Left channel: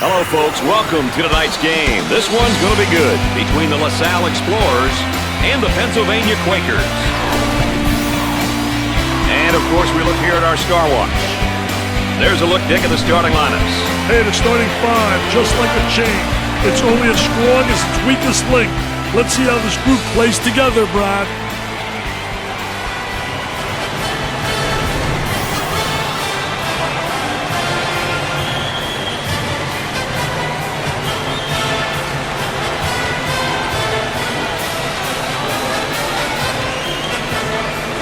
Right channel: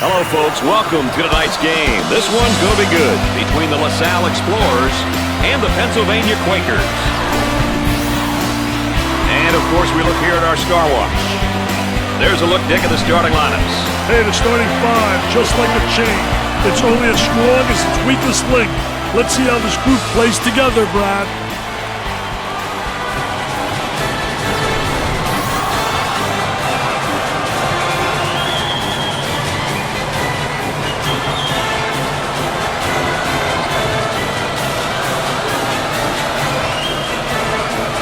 Hello, folks. Welcome to tonight's game. This one's going to be good between the LaSalle Explorers and the Pennsylvania Quakers. And, of course, we look here at our Star Watch. There's a look, Dick, at the starting lineups. Hey, the starting five, just like a chain. It's only as strong as its weakest link. Let's see how this group plays together, Brad.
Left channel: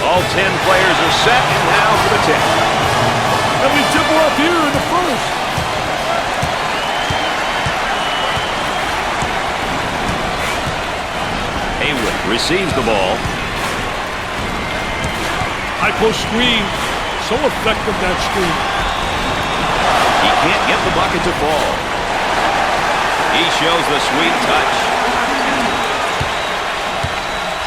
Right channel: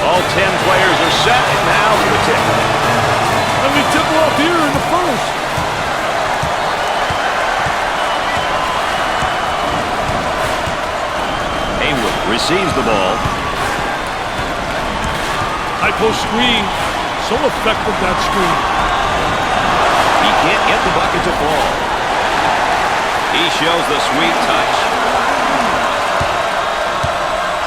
All 10 players are set, and now for the tip. And we tip off here in the first. Haywood receives the ball. High post screen. So effective, that screen. He can't get the bucket to fall. He shows the sweet touch.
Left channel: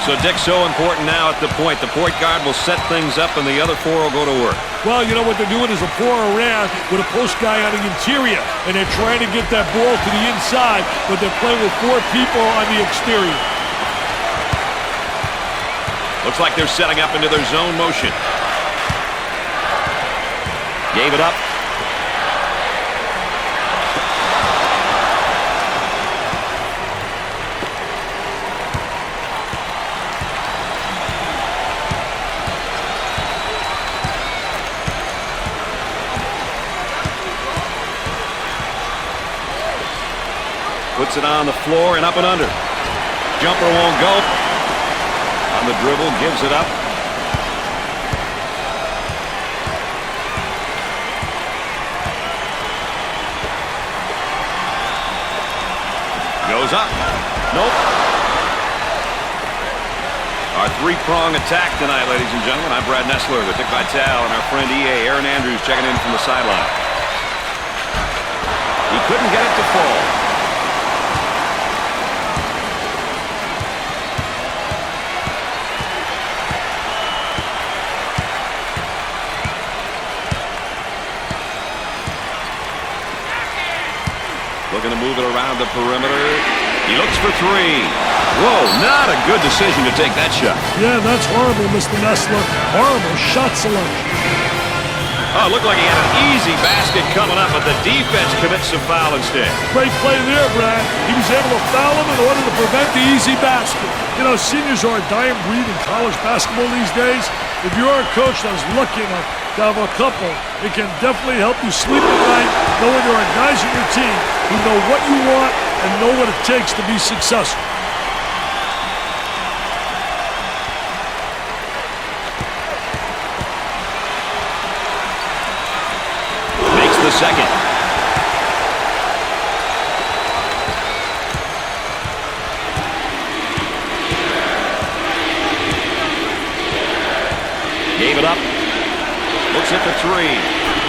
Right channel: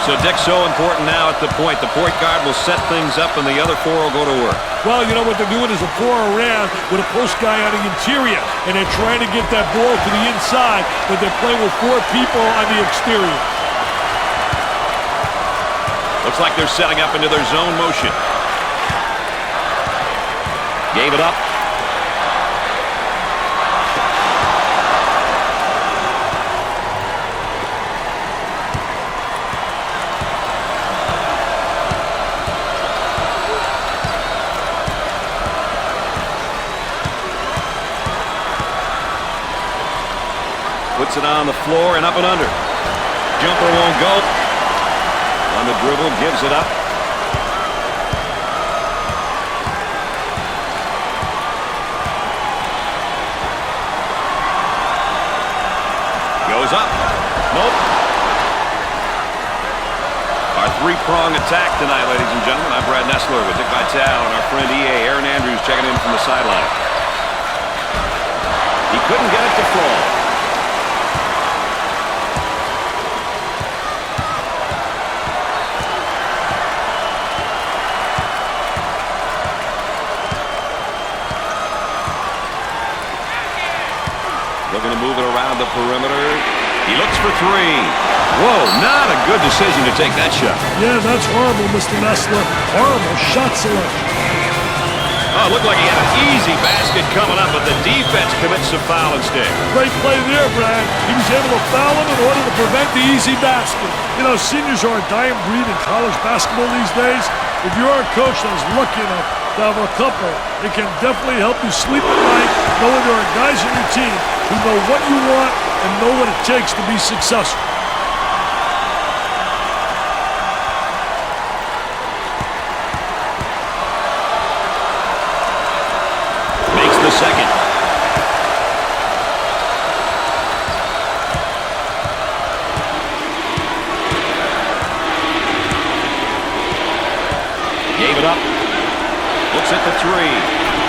So, Dick, so important now at the point. The point guard will set things up, and the other four will go to work. Well, you know what they're doing is a four around with a post guy on the interior, and they're trying to get that ball to the inside, but they're playing with four people on the exterior. Looks like they're setting up into their zone motion. Gave it up. Puts it on the floor and up and under. Jumper won't go. On the dribble, gives it up. Goes up. Nope. Our three-prong attack tonight, ladies and gentlemen. I'm Brad Nessler with Dick Vitale and our friend EA Aaron Andrews checking in from the sideline. He couldn't get it to fall. Looking to move it around the perimeter. He looks for three. Whoa, not a good decision to take that shot. Yeah, that's horrible, Mr. Nessler. Horrible shot selection. Oh, it looked like he had an easy basket coming up, but the defense commits a foul instead. Great play there, Brad. He was able to foul him in order to prevent the easy basket. You know, seniors are a dying breed in college basketball these days. If you're a coach that was lucky enough to have a couple, it can definitely help you sleep at night knowing there are guys on your team who know what you want and know what it takes to be successful. Makes the second. Gave it up. Looks at the three.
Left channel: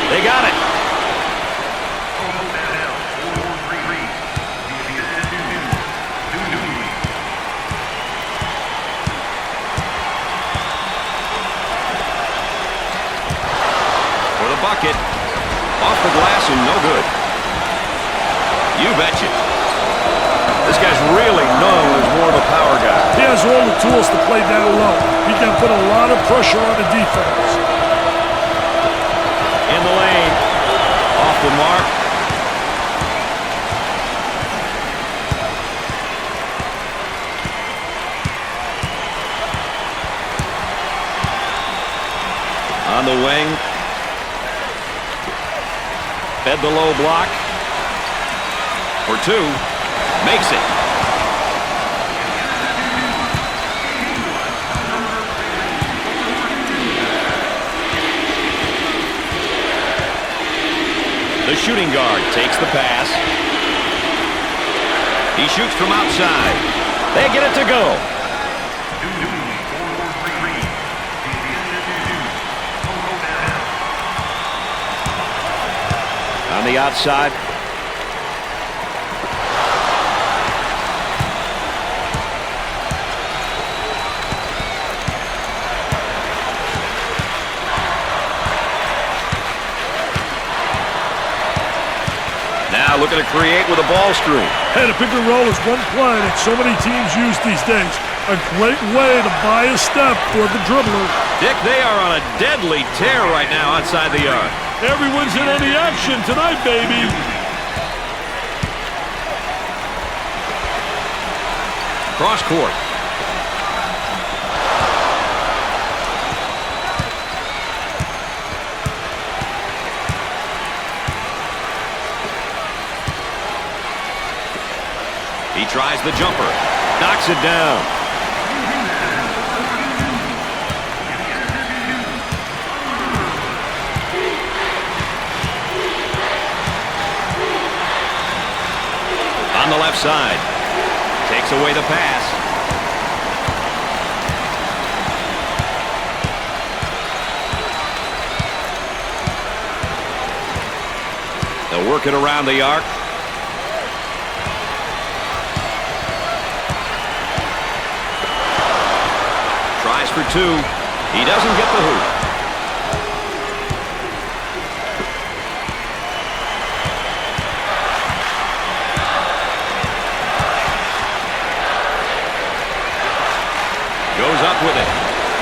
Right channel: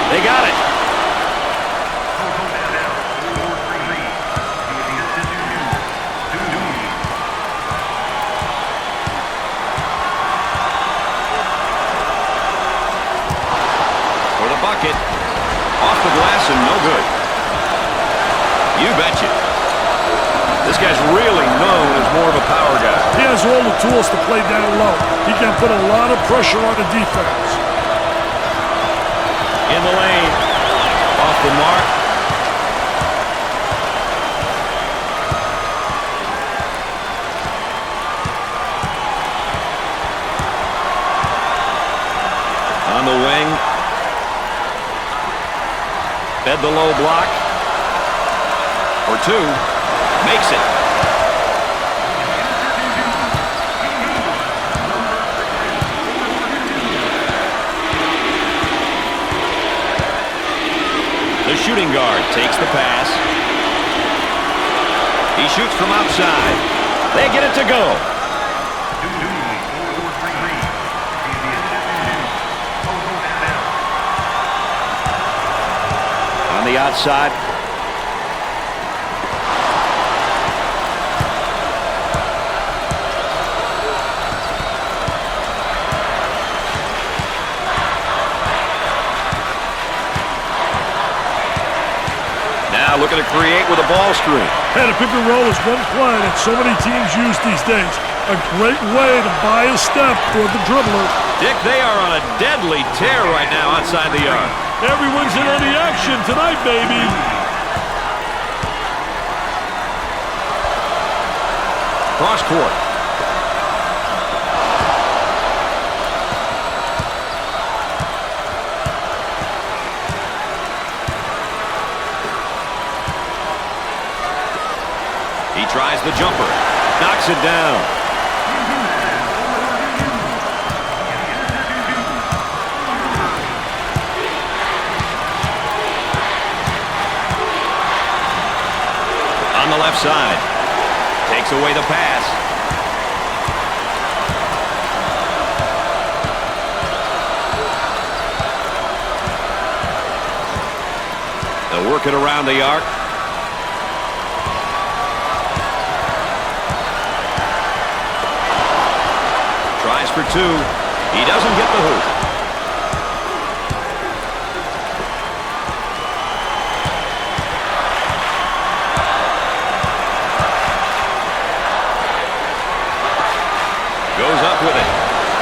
They got it. For the bucket. Off the glass and no good. You betcha. This guy's really known as more of a power guy. He has all the tools to play down low. He can put a lot of pressure on the defense. In the lane. Off the mark. On the wing. Fed the low block. For two. Makes it. The shooting guard takes the pass. He shoots from outside. They get it to go. On the outside. Now looking to create with a ball screen. Hey, the pick and roll is one play that so many teams use these days. A great way to buy a step for the dribbler. Dick, they are on a deadly tear right now outside the yard. Everyone's in on the action tonight, baby. Cross court. He tries the jumper. Knocks it down. On the left side. Takes away the pass. They'll work it around the arc. Tries for two. He doesn't get the hoop. Goes up with it.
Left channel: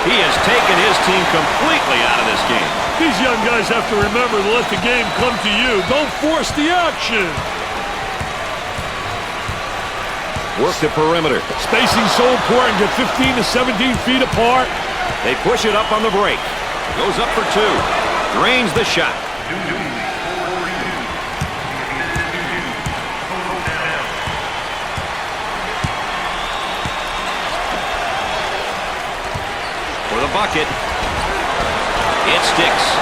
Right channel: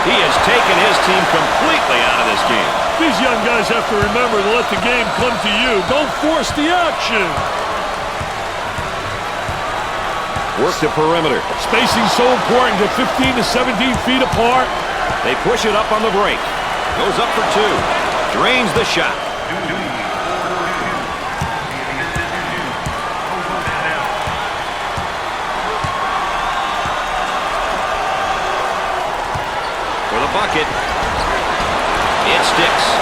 He has taken his team completely out of this game. These young guys have to remember to let the game come to you. Don't force the action. Work the perimeter. Spacing so important. Get 15 to 17 feet apart. They push it up on the break. Goes up for two. Drains the shot. For the bucket. It sticks.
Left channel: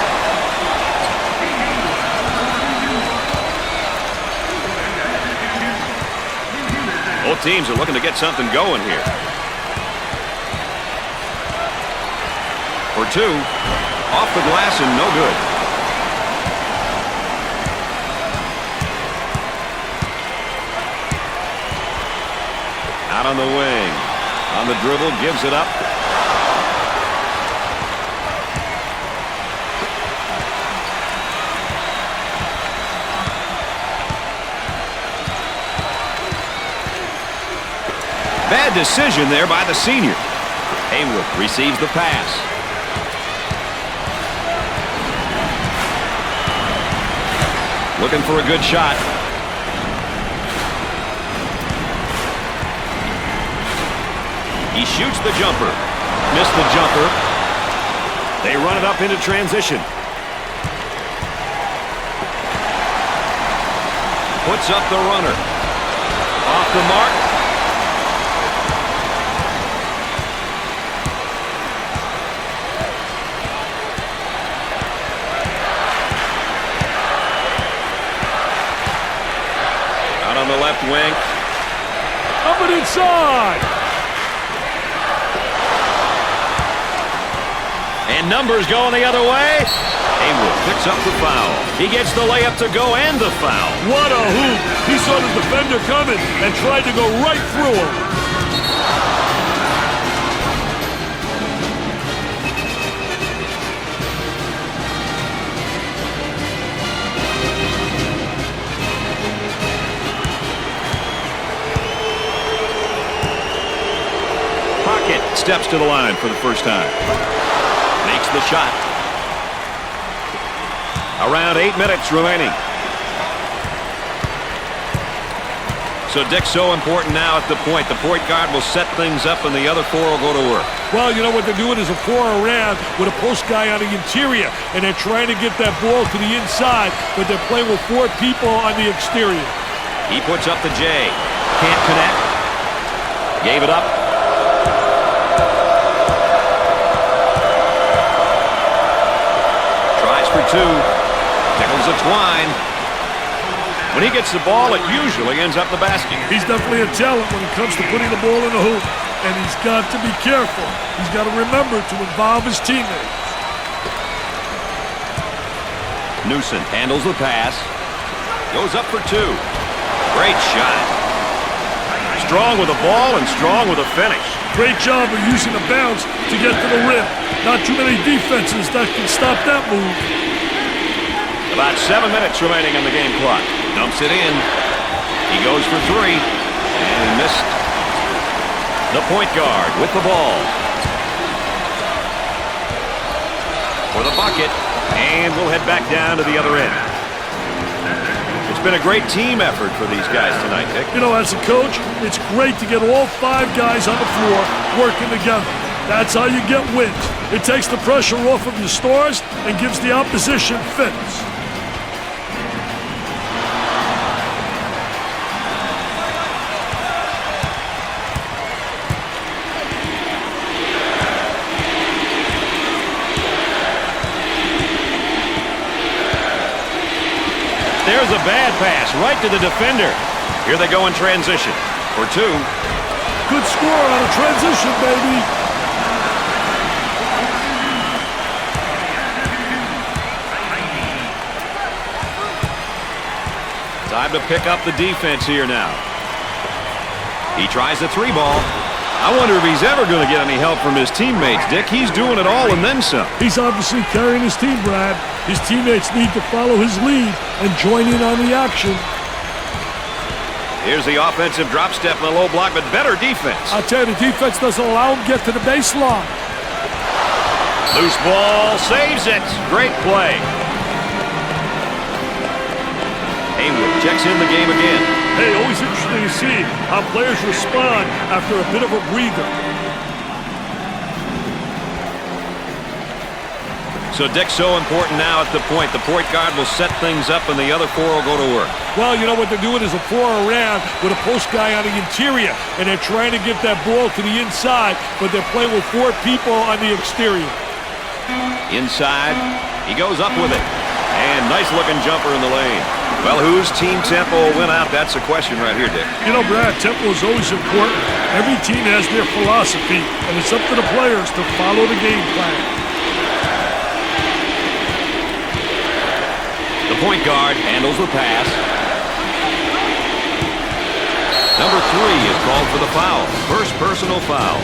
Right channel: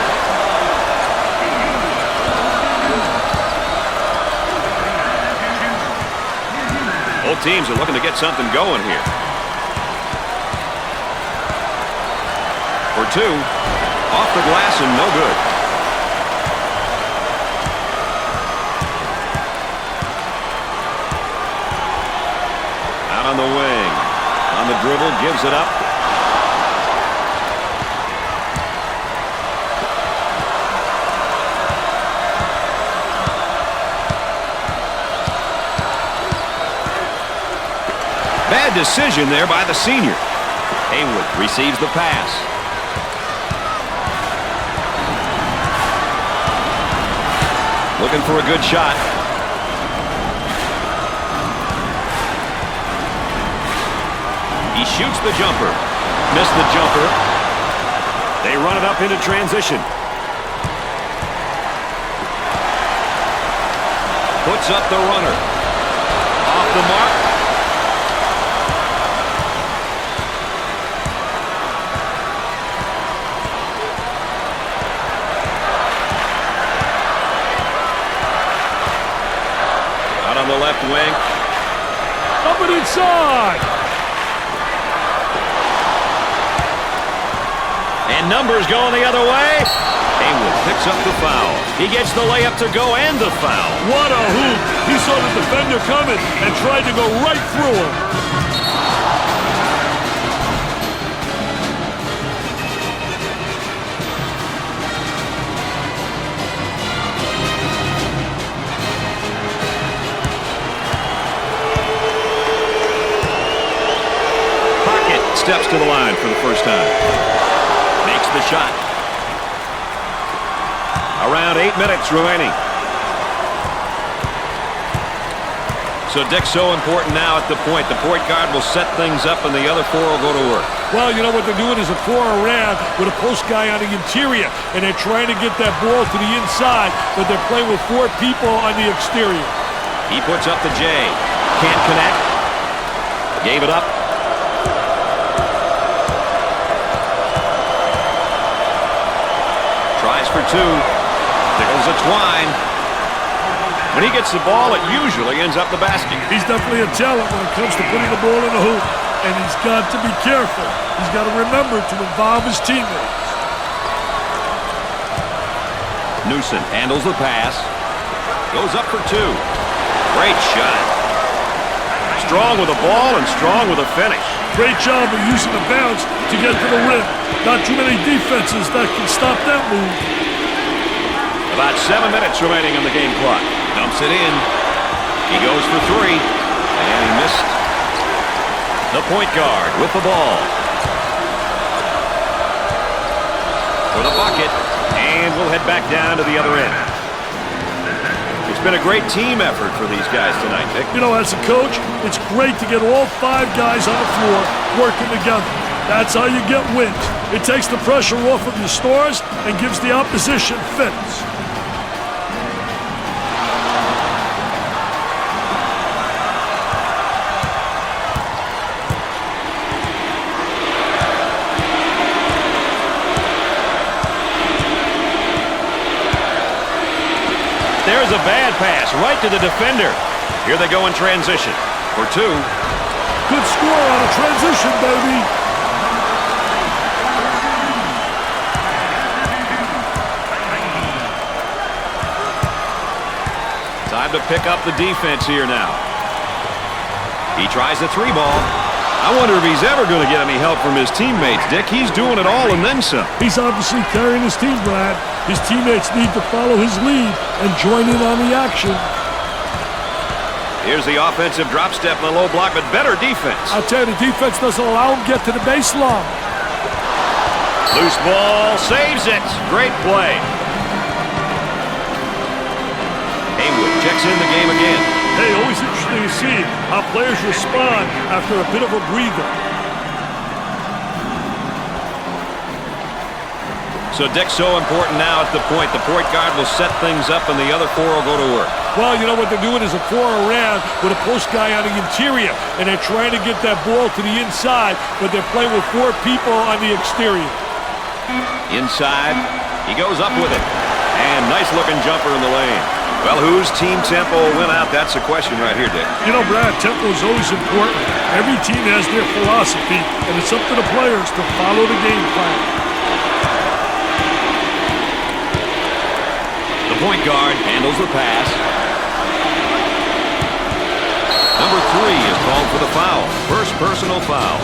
Both teams are looking to get something going here. For two. Off the glass and no good. Out on the wing. On the dribble. Gives it up. Bad decision there by the senior. Haywood receives the pass. Looking for a good shot. He shoots the jumper. Missed the jumper. They run it up into transition. Puts up the runner. Off the mark. Out on the left wing. Up and inside. And numbers going the other way. Haywood picks up the foul. He gets the layup to go and the foul. What a hoop. He saw the defender coming and tried to go right through him. Steps to the line for the first time. Makes the shot. Around 8 minutes remaining. So Dick's so important now at the point. The point guard will set things up and the other four will go to work. Well, you know what they're doing is a four around with a post guy on the interior, and they're trying to get that ball to the inside, but they're playing with four people on the exterior. He puts up the J. Can't connect. Gave it up. Tries for two. Tickles a twine. When he gets the ball, it usually ends up the basket. He's definitely a talent when it comes to putting the ball in the hoop. And he's got to be careful. He's got to remember to involve his teammates. Newsom handles the pass. Goes up for two. Great shot. Strong with the ball and strong with a finish. Great job of using the bounce to get to the rim. Not too many defenses that can stop that move. About 7 minutes remaining on the game clock. Dumps it in. He goes for three, and he missed. The point guard with the ball. For the bucket, and we'll head back down to the other end. It's been a great team effort for these guys tonight, Dick. You know, as a coach, it's great to get all 5 guys on the floor working together. That's how you get wins. It takes the pressure off of your stars and gives the opposition fits. There's a bad pass right to the defender. Here they go in transition for 2. Good score on a transition, baby. Time to pick up the defense here now. He tries the 3 ball. I wonder if he's ever going to get any help from his teammates, Dick. He's doing it all and then some. He's obviously carrying his team, Brad. His teammates need to follow his lead and join in on the action. Here's the offensive drop step in the low block, but better defense. I'll tell you, the defense doesn't allow him to get to the baseline. Loose ball, saves it. Great play. Haywood checks in the game again. Hey, always interesting to see how players respond after a bit of a breather. So Dick's so important now at the point. The point guard will set things up and the other 4 will go to work. Well, you know what they're doing is a 4 around with a post guy on the interior, and they're trying to get that ball to the inside, but they're playing with 4 people on the exterior. Inside, he goes up with it. And nice looking jumper in the lane. Well, whose team tempo will win out? That's the question right here, Dick. You know, Brad, tempo is always important. Every team has their philosophy, and it's up to the players to follow the game plan. The point guard handles the pass. Number 3 is called for the foul. First personal foul.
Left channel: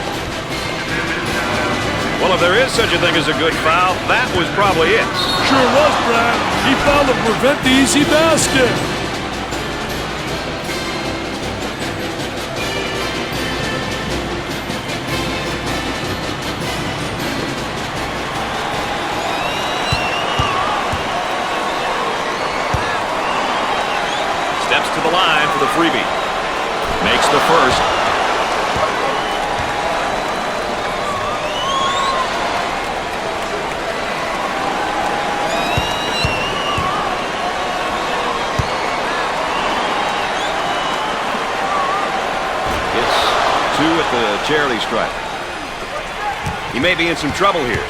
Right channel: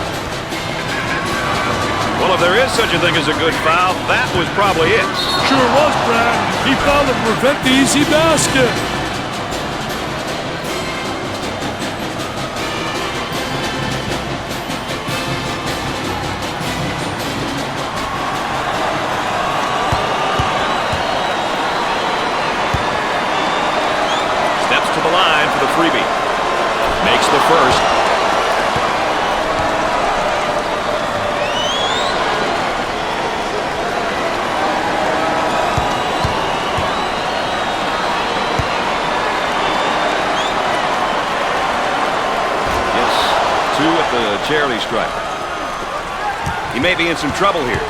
Well, if there is such a thing as a good foul, that was probably it. Sure was, Brad. He fouled to prevent the easy basket. Steps to the line for the freebie. Makes the first. Gets 2 at the charity stripe. He may be in some trouble here.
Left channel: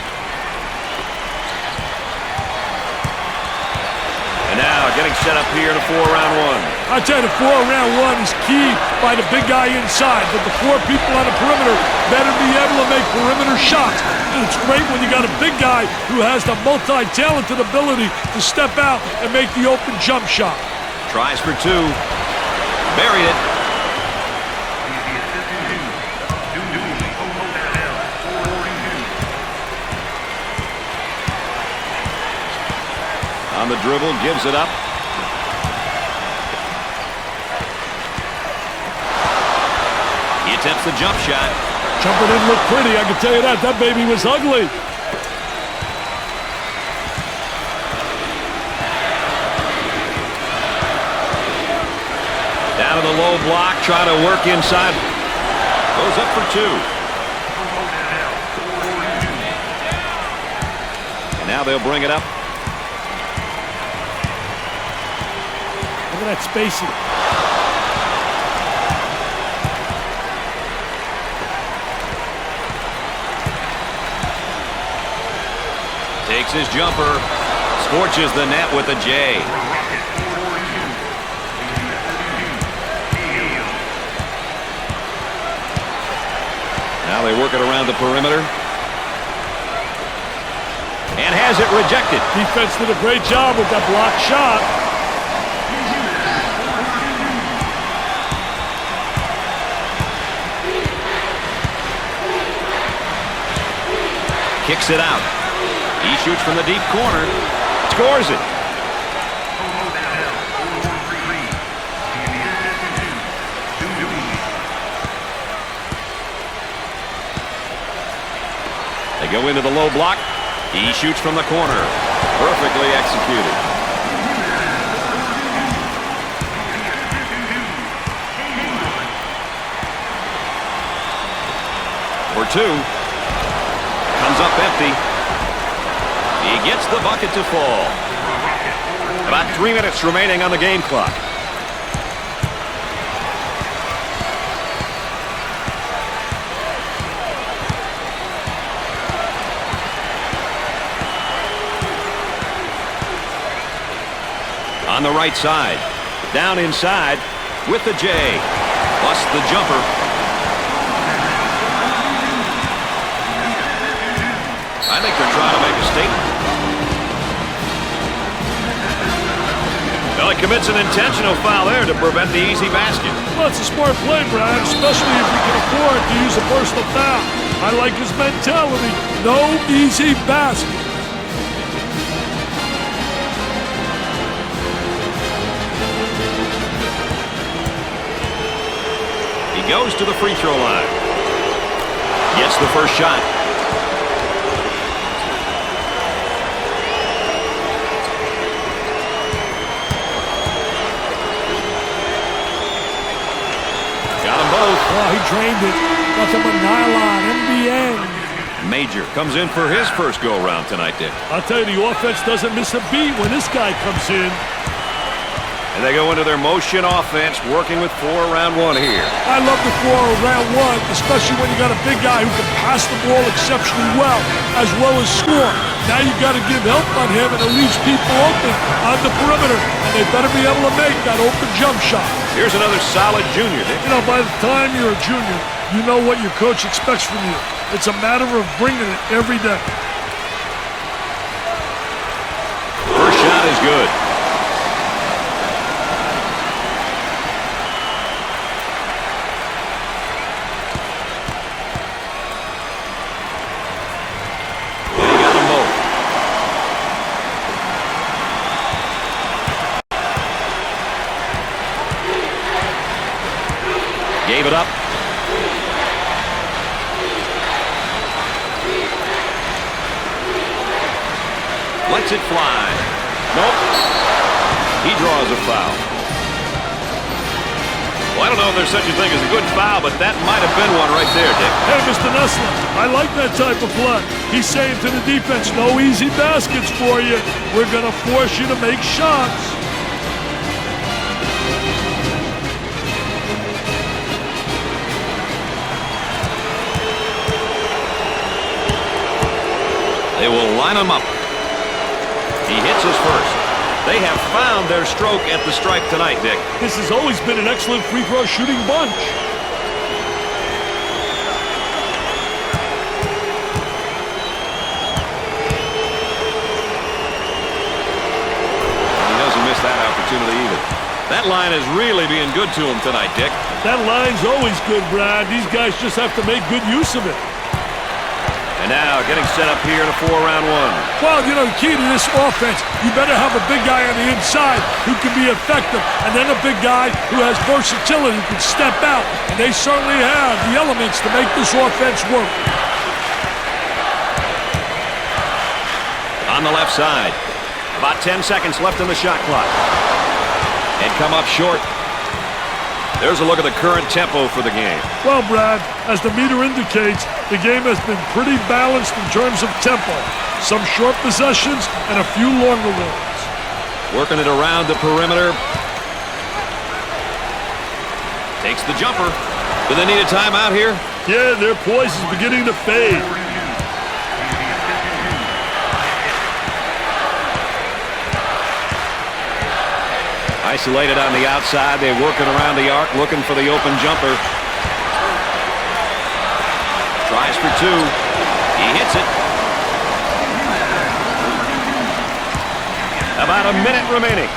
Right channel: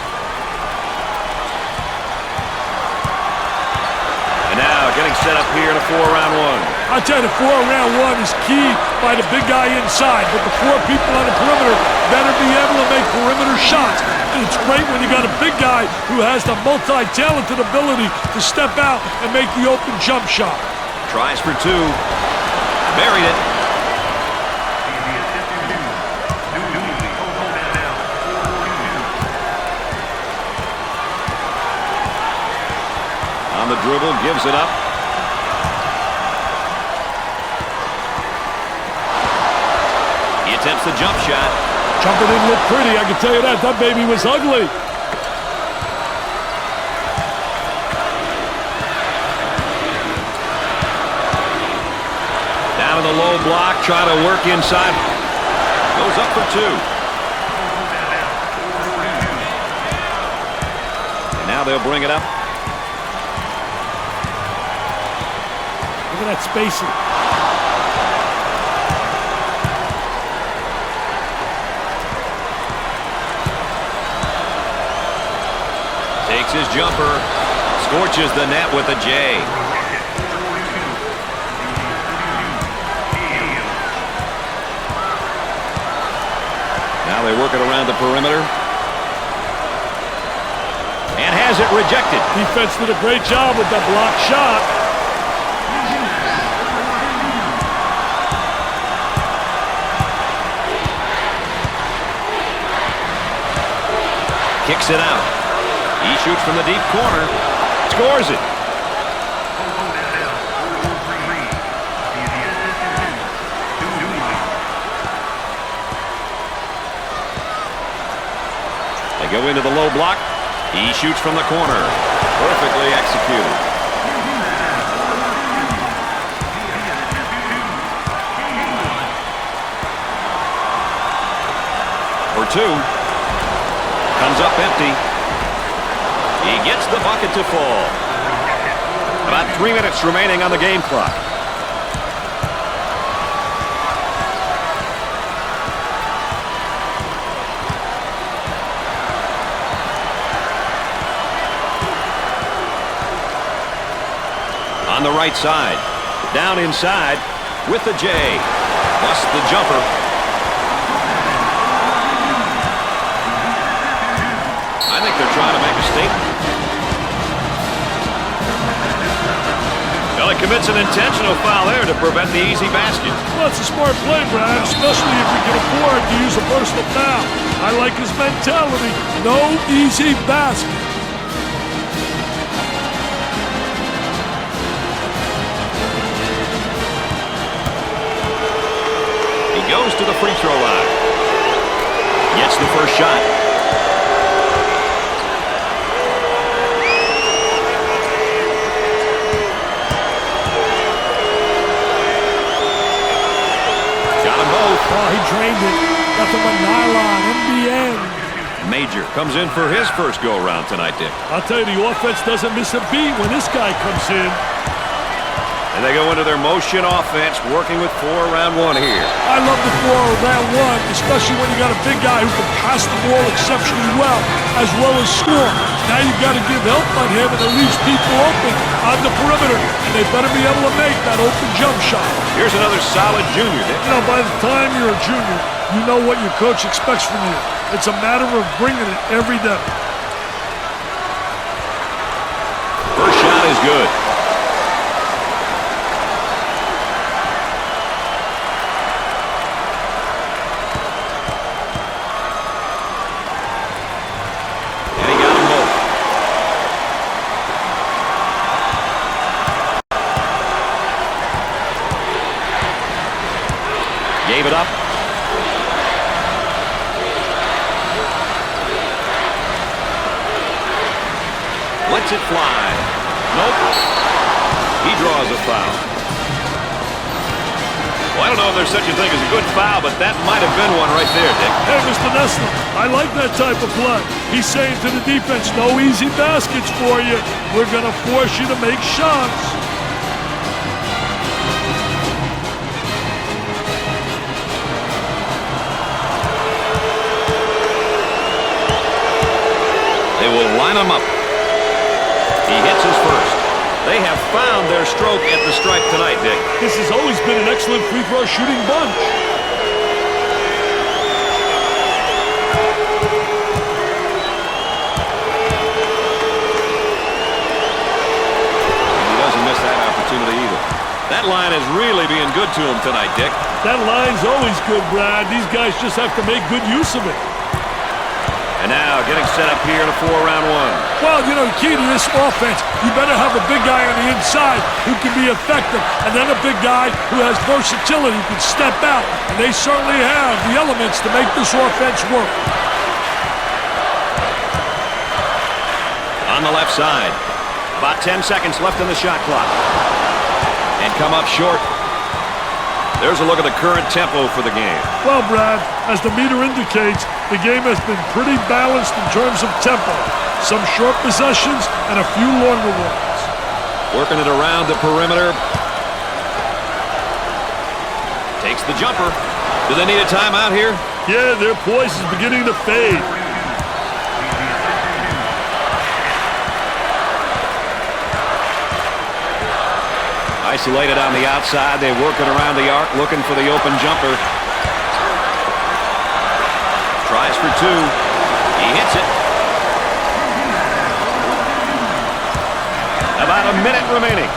And now getting set up here in a 4-round 1. I tell you, the 4-round 1 is key by the big guy inside, but the 4 people on the perimeter better be able to make perimeter shots. And it's great when you got a big guy who has the multi-talented ability to step out and make the open jump shot. Tries for 2. Buried it. On the dribble, gives it up. He attempts the jump shot. Jumper didn't look pretty, I can tell you that. That baby was ugly. Down in the low block, trying to work inside. Goes up for 2. And now they'll bring it up. Look at that spacing. Takes his jumper. Scorches the net with a J. Now they work it around the perimeter. And has it rejected. Defense did a great job with that blocked shot. Kicks it out. He shoots from the deep corner. Scores it. go into the low block. He shoots from the corner. Perfectly executed. For two. Comes up empty. He gets the bucket to fall. About 3 minutes remaining on the game clock. On the right side, down inside with the J. Busts the jumper. I think they're trying to make a statement. Well, he commits an intentional foul there to prevent the easy basket. Well, it's a smart play, Brad, especially if we can afford to use a personal foul. I like his mentality. No easy basket. He goes to the free throw line. Gets the first shot. Got them both. Oh, he drained it. Nothing but nylon, NBN. Major comes in for his first go-around tonight, Dick. I'll tell you, the offense doesn't miss a beat when this guy comes in. And they go into their motion offense, working with 4 around 1 here. I love the 4 around 1, especially when you got a big guy who can pass the ball exceptionally well as score. Now you got to give help on him, and it leaves people open on the perimeter, and they better be able to make that open jump shot. Here's another solid junior, Dick. You know, by the time you're a junior, you know what your coach expects from you. It's a matter of bringing it every day. First shot is good. Gave it up. Lets it fly. Nope. He draws a foul. Well, I don't know if there's such a thing as a good foul, but that might have been one right there, Dick. Hey, Mr. Nessler, I like that type of play. He's saying to the defense, no easy baskets for you. We're going to force you to make shots. They will line him up. He hits his first. They have found their stroke at the stripe tonight, Dick. This has always been an excellent free throw shooting bunch. And he doesn't miss that opportunity either. That line is really being good to him tonight, Dick. That line's always good, Brad. These guys just have to make good use of it. And now getting set up here in a 4 around 1. Well, you know, the key to this offense, you better have a big guy on the inside who can be effective, and then a big guy who has versatility, who can step out. And they certainly have the elements to make this offense work. On the left side, about 10 seconds left in the shot clock. And come up short. There's a look at the current tempo for the game. Well, Brad, as the meter indicates, the game has been pretty balanced in terms of tempo. Some short possessions and a few longer ones. Working it around the perimeter. Takes the jumper. Do they need a timeout here? Yeah, their poise is beginning to fade. Isolated on the outside. They're working around the arc, looking for the open jumper. Tries for 2. He hits it. About a minute remaining.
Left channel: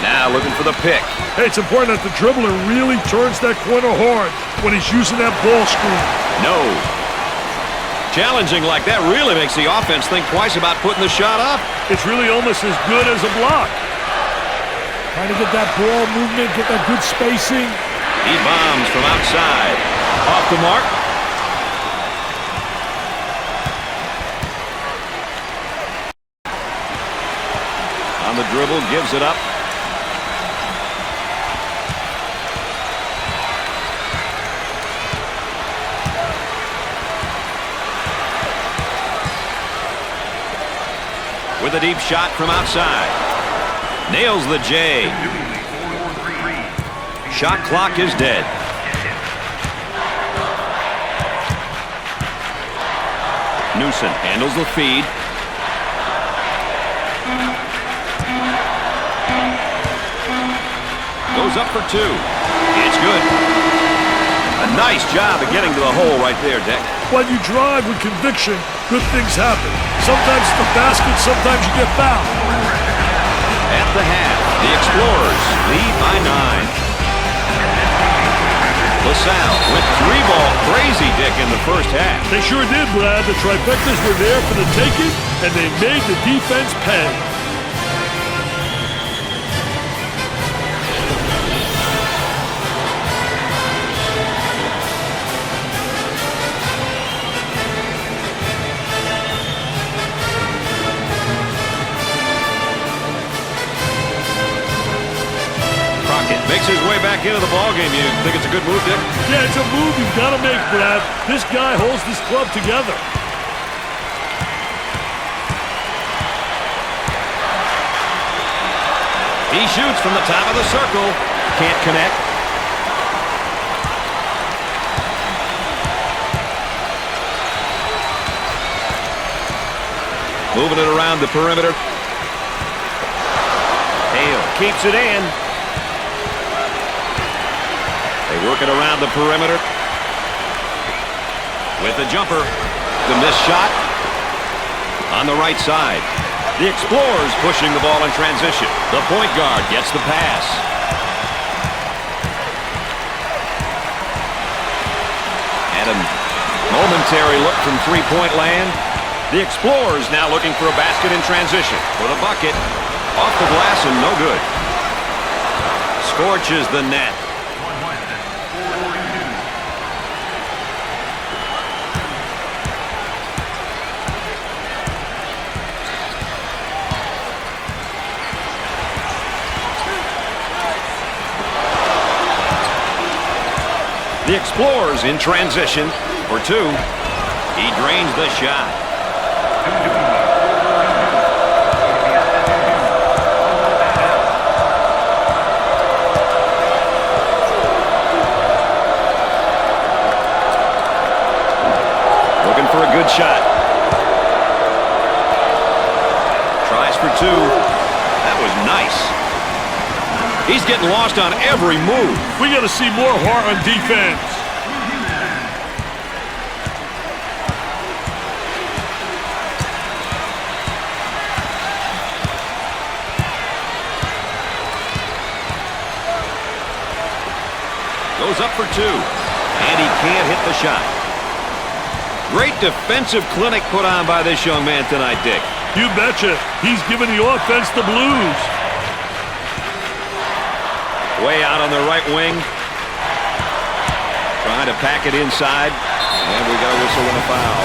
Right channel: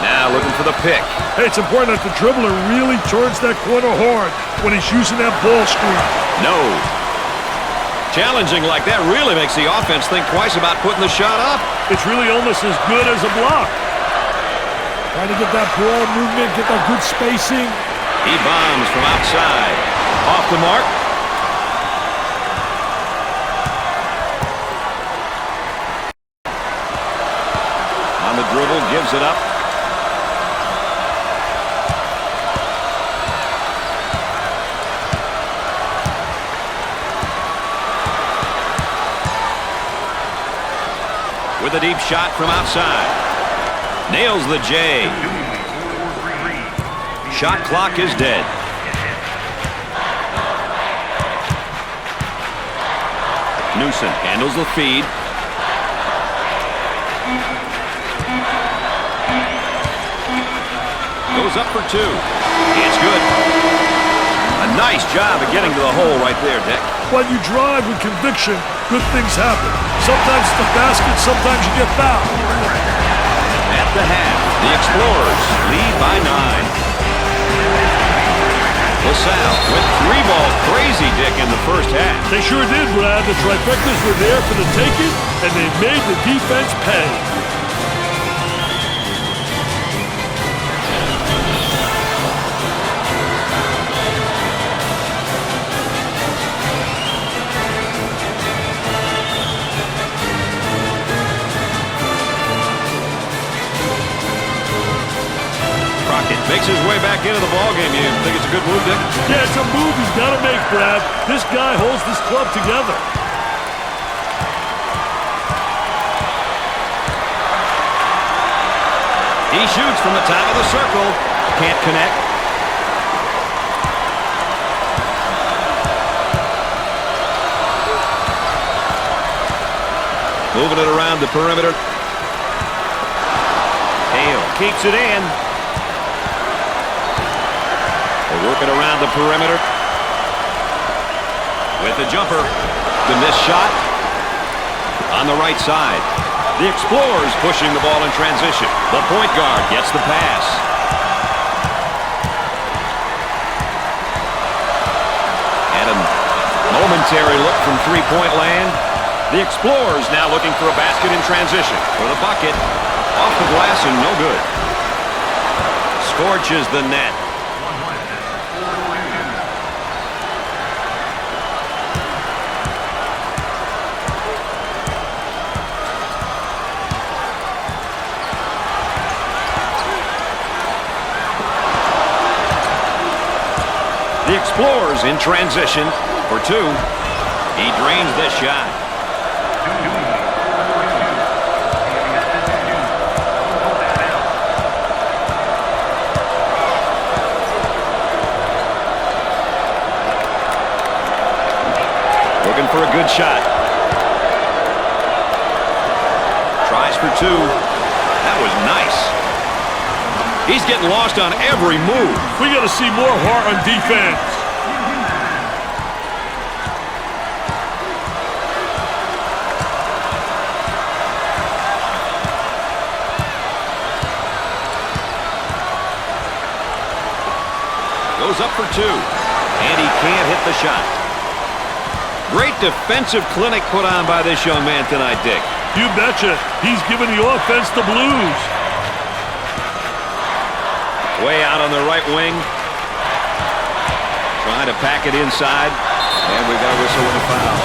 Now looking for the pick. Hey, it's important that the dribbler really turns that corner hard when he's using that ball screen. No. Challenging like that really makes the offense think twice about putting the shot up. It's really almost as good as a block. Trying to get that ball movement, get that good spacing. He bombs from outside. Off the mark. On the dribble, gives it up. With a deep shot from outside. Nails the J. Shot clock is dead. Newsom handles the feed. Goes up for two. It's good. A nice job of getting to the hole right there, Dick. When you drive with conviction, good things happen. Sometimes it's the basket, sometimes you get fouled. At the half, the Explorers lead by 9. LaSalle went 3-ball crazy, Dick, in the first half. They sure did, Brad. The trifectas were there for the taking, and they made the defense pay. Makes his way back into the ballgame. You think it's a good move, Dick? Yeah, it's a move he's got to make, Brad. This guy holds this club together. He shoots from the top of the circle. Can't connect. Moving it around the perimeter. Hale keeps it in. They work it around the perimeter. With the jumper. The missed shot. On the right side. The Explorers pushing the ball in transition. The point guard gets the pass. And a momentary look from three-point land. The Explorers now looking for a basket in transition. For the bucket. Off the glass and no good. Scorches the net. The Explorers in transition for two. He drains the shot. Looking for a good shot. Tries for two. That was nice. He's getting lost on every move. We got to see more heart on defense. Goes up for two. And he can't hit the shot. Great defensive clinic put on by this young man tonight, Dick. You betcha. He's giving the offense the blues. Way out on the right wing. Trying to pack it inside. And we've got a whistle and a foul.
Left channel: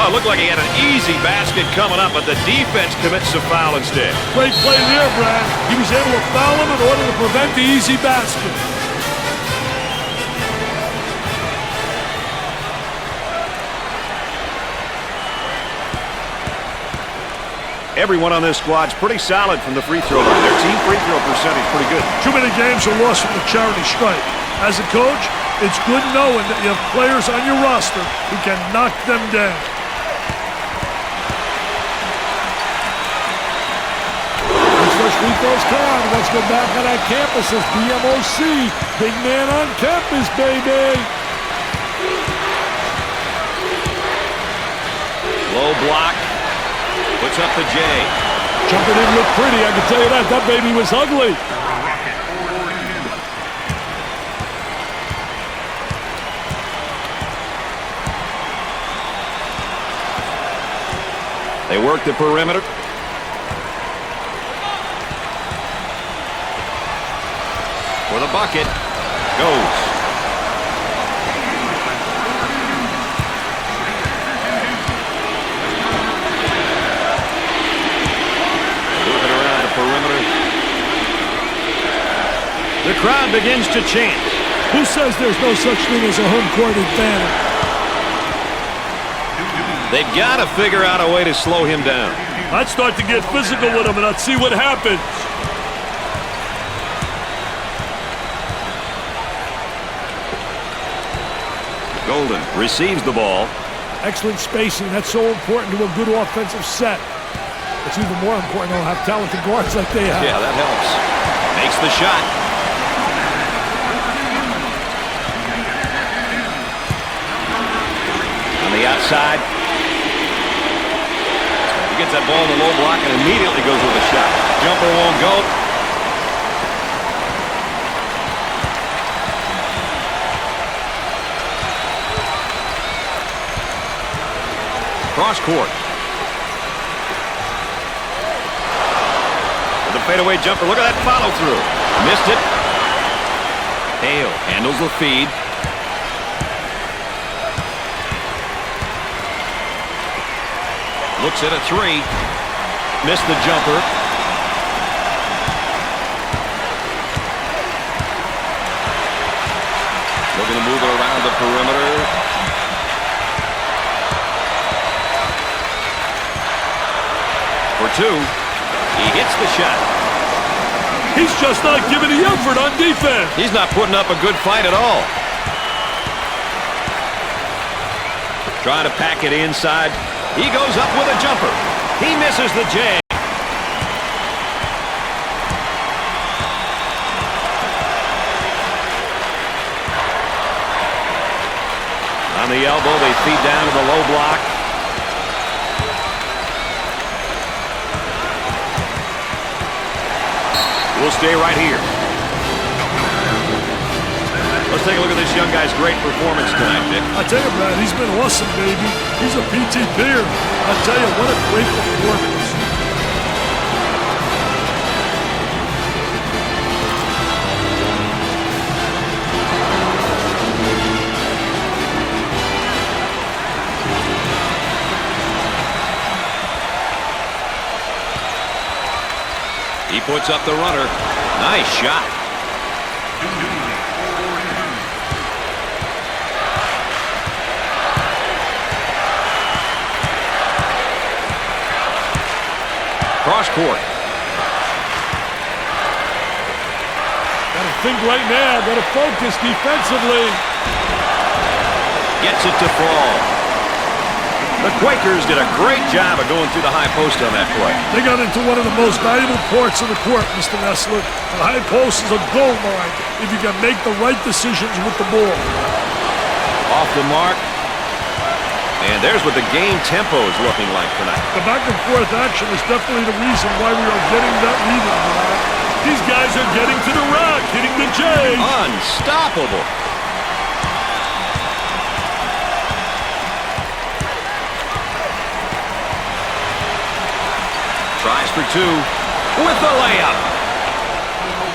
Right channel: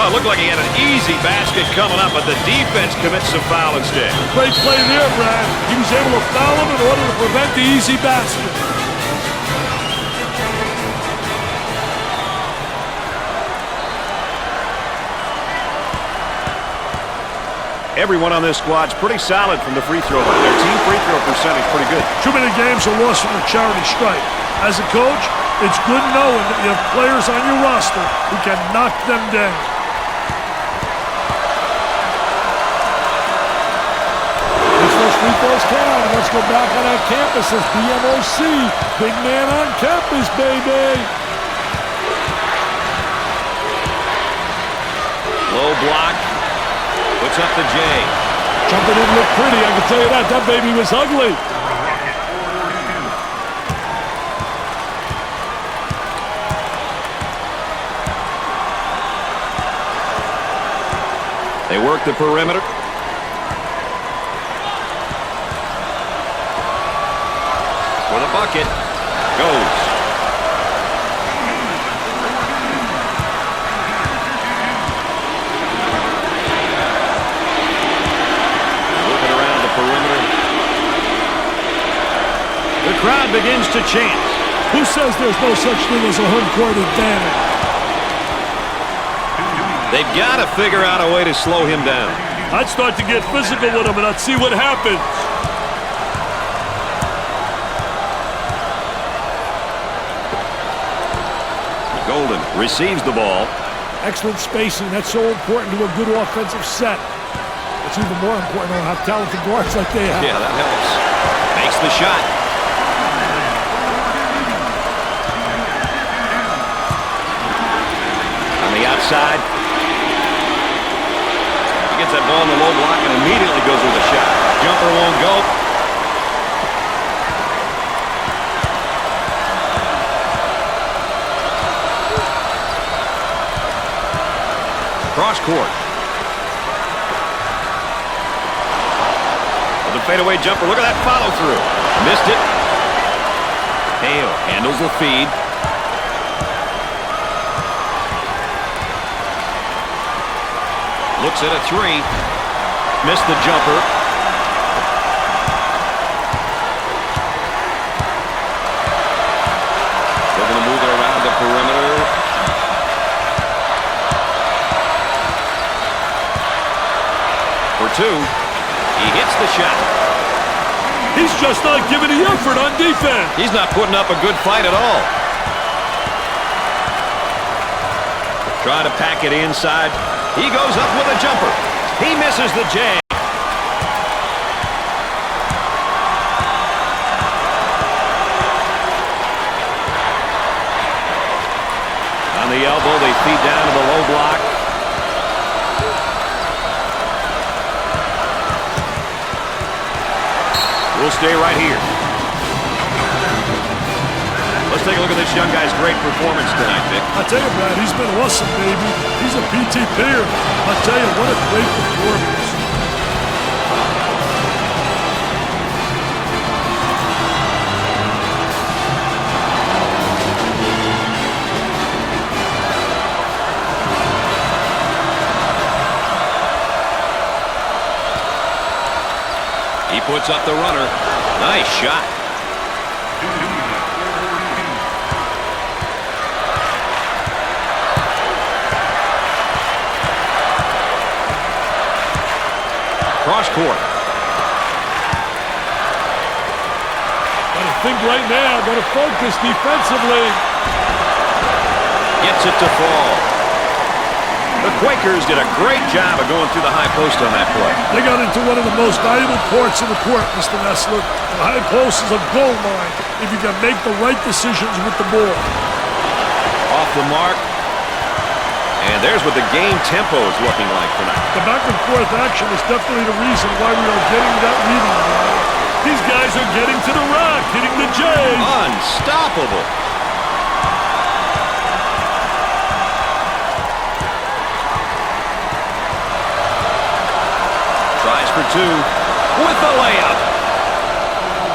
Oh, it looked like he had an easy basket coming up, but the defense commits a foul instead. Great play there, Brad. He was able to foul him in order to prevent the easy basket. Everyone on this squad's pretty solid from the free throw line. Their team free throw percentage pretty good. Too many games are lost from the charity stripe. As a coach, it's good knowing that you have players on your roster who can knock them down. Those free throws count. Let's go back on that campus as BMOC. Big man on campus, baby. Low block. Puts up the J. Jumper didn't look pretty, I can tell you that. That baby was ugly. They work the perimeter. For the bucket. Goes. The crowd begins to chant. Who says there's no such thing as a home court advantage? They've got to figure out a way to slow him down. I'd start to get physical with him, and I'd see what happens. Golden receives the ball. Excellent spacing. That's so important to a good offensive set. It's even more important to have talented guards like they have. Yeah, that helps. Makes the shot. On the outside. He gets that ball in the low block and immediately goes with a shot. Jumper won't go. Cross court. With a fadeaway jumper. Look at that follow through. Missed it. Hale handles the feed. Looks at a three. Missed the jumper. Looking to move it around the perimeter. For two. He hits the shot. He's just not giving the effort on defense. He's not putting up a good fight at all. Trying to pack it inside. He goes up with a jumper. He misses the J. On the elbow, they feed down to the low block. We'll stay right here. Let's take a look at this young guy's great performance tonight, Dick. I tell you, Brad, he's been awesome, baby. He's a PT player. I tell you, what a great performance. He puts up the runner. Nice shot. Cross court. Got to think right now. Got to focus defensively. Gets it to fall. The Quakers did a great job of going through the high post on that play. They got into one of the most valuable parts of the court, Mr. Nessler. The high post is a gold mine if you can make the right decisions with the ball. Off the mark. And there's what the game tempo is looking like tonight. The back and forth action is definitely the reason why we are getting that reading, Brian. These guys are getting to the rack, hitting the J. Unstoppable. Tries for two with the layup.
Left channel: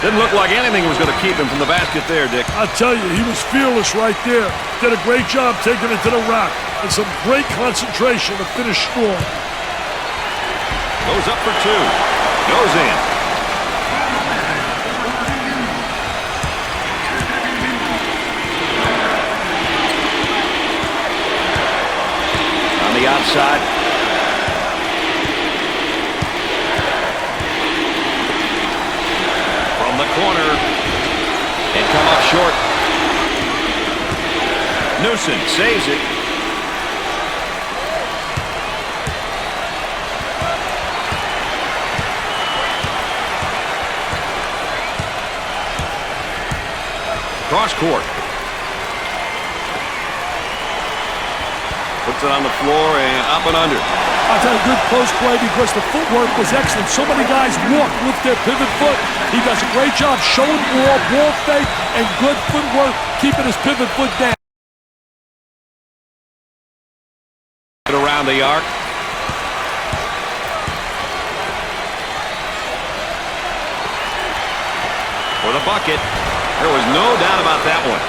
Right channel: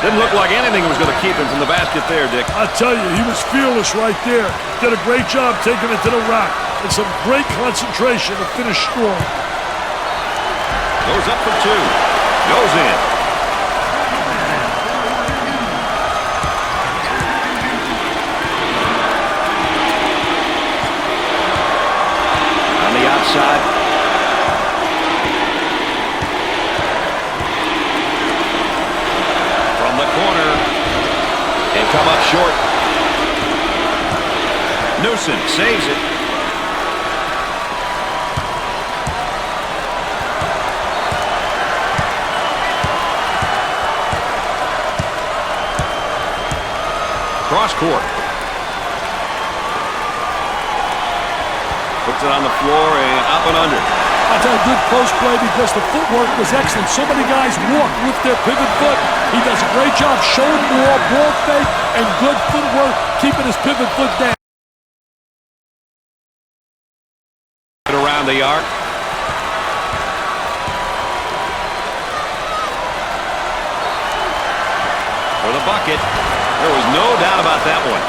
Didn't look like anything was going to keep him from the basket there, Dick. I tell you, he was fearless right there. Did a great job taking it to the rack. And some great concentration to finish strong. Goes up for two. Goes in. On the outside. From the corner. And come up short. Newsom saves it. Cross court. Puts it on the floor and up and under. I tell you, good post play because the footwork was excellent. So many guys walk with their pivot foot. He does a great job showing ball fake, and good footwork, keeping his pivot foot down. Around the arc. For the bucket. There was no doubt about that one.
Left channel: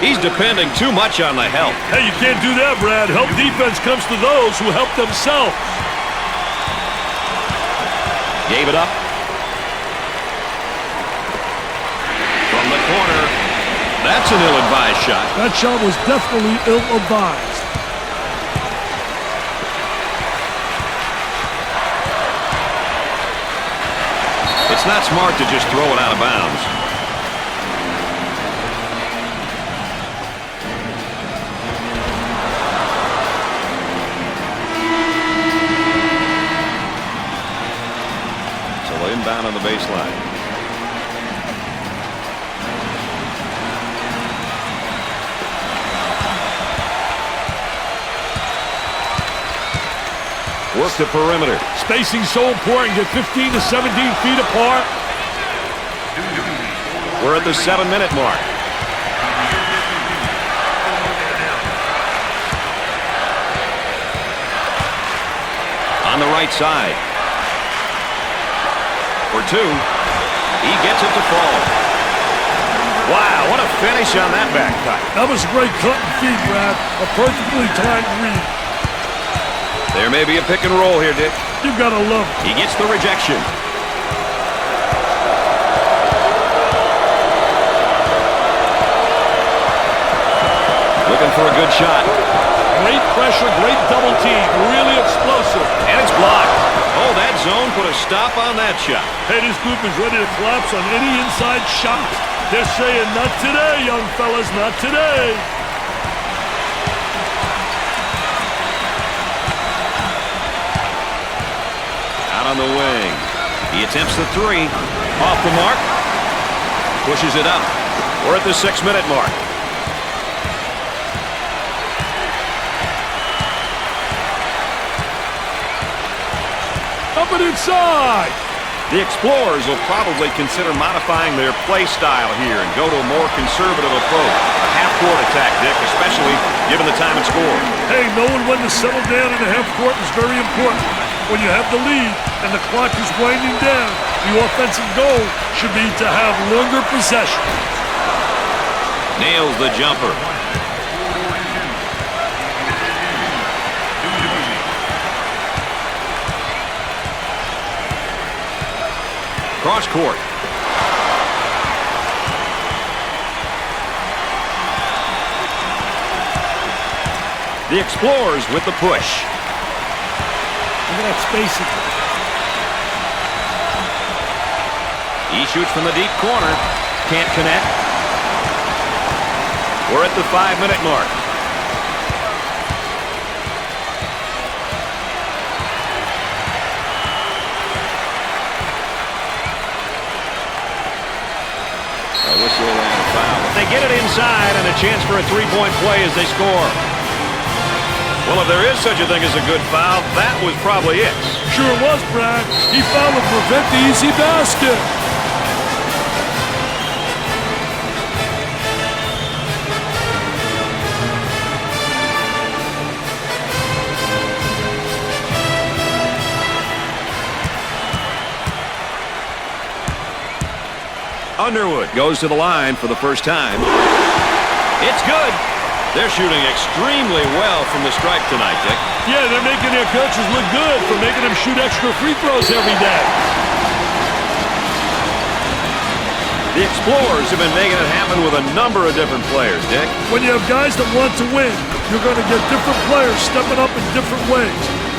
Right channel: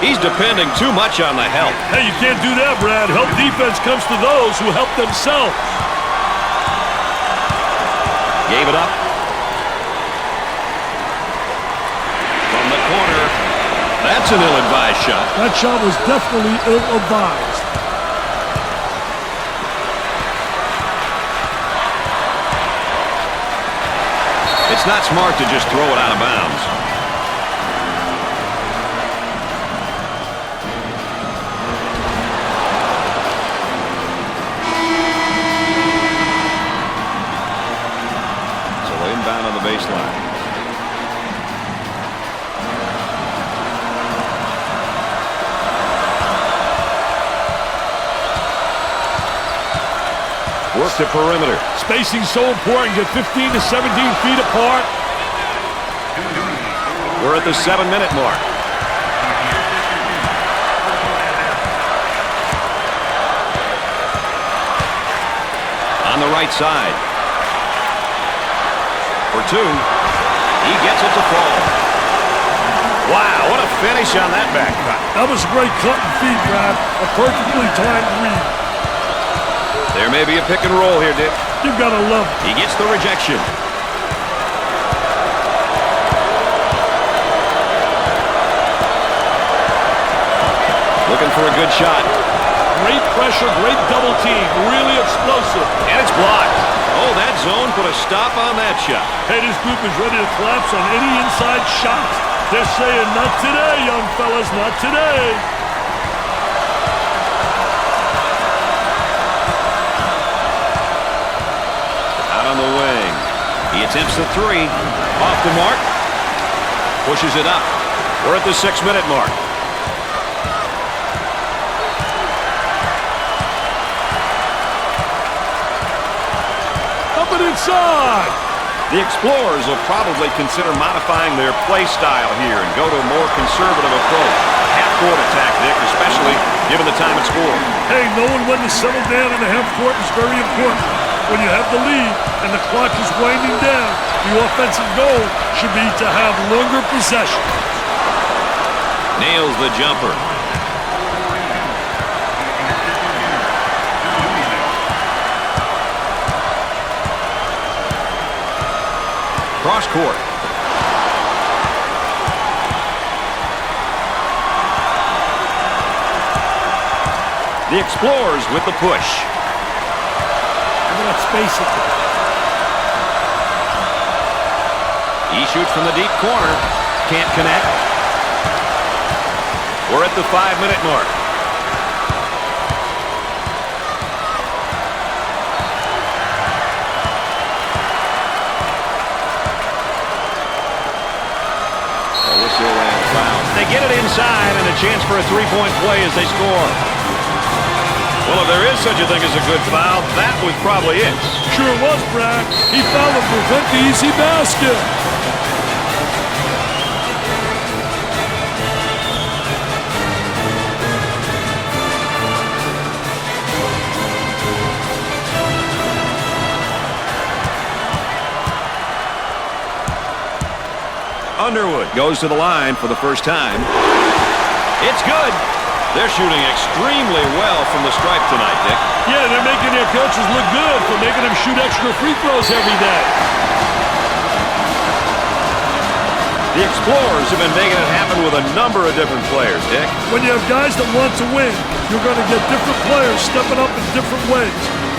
He's depending too much on the help. Hey, you can't do that, Brad. Help defense comes to those who help themselves. Gave it up. the corner. That's an ill-advised shot. That shot was definitely ill-advised. It's not smart to just throw it out of bounds. So inbound on the baseline. Work the perimeter. Spacing's so important. Get 15 to 17 feet apart. We're at the 7-minute mark. On the right side. For two. He gets it to fall. Wow, what a finish on that back cut. That was a great cut and feed, Brad. A perfectly timed read. There may be a pick and roll here, Dick. You've got to love it. He gets the rejection. Looking for a good shot. Great pressure, great double team. Really explosive. And it's blocked. Oh, that zone put a stop on that shot. Hey, this group is ready to collapse on any inside shot. They're saying, not today, young fellas, not today. Out on the wing. He attempts the three. Off the mark. Pushes it up. We're at the 6-minute mark. Up and inside. The Explorers will probably consider modifying their play style here and go to a more conservative approach. A half-court attack, Dick, especially given the time and score. Hey, knowing when to settle down in the half court is very important. When you have the lead and the clock is winding down, the offensive goal should be to have longer possession. Nails the jumper. Cross court. The Explorers with the push. Look at that spacing. He shoots from the deep corner. Can't connect. We're at the 5-minute mark. A whistle and a foul. They get it inside and a chance for a three-point play as they score. Well, if there is such a thing as a good foul, that was probably it. Sure was, Brad. He fouled to prevent the easy basket. Underwood goes to the line for the first time. It's good. They're shooting extremely well from the stripe tonight, Dick. Yeah, they're making their coaches look good for making them shoot extra free throws every day. The Explorers have been making it happen with a number of different players, Dick. When you have guys that want to win, you're going to get different players stepping up in different ways.